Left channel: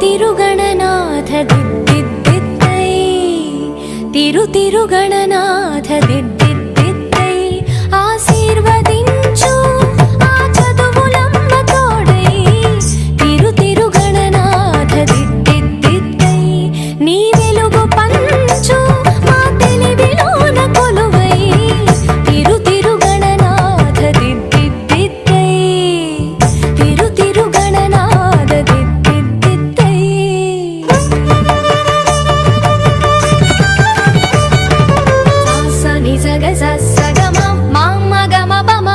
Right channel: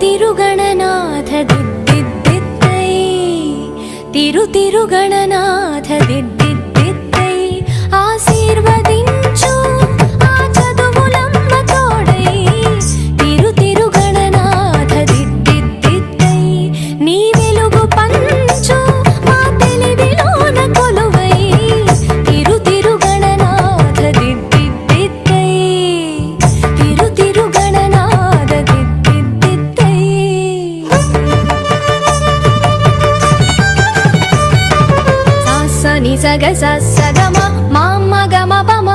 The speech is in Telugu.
తిరుగణనాథ దిద్దిద్దిద్దై తిరుగణనాథ దిద్దిద్దిద్దై ఆశీర్వదించు ఆ చదువులమ్మ తోడై తిరుగణనాథ దిద్దిద్దిద్దై నీ వెలుగు పంచు మా తెలివిలోన కొలువై తిరుగణనాథ దిద్దిద్దిద్దై తిరుగణనాథ దిద్దిద్దిద్దై స ని స గ స స గ మ మ మ గ మ ప మ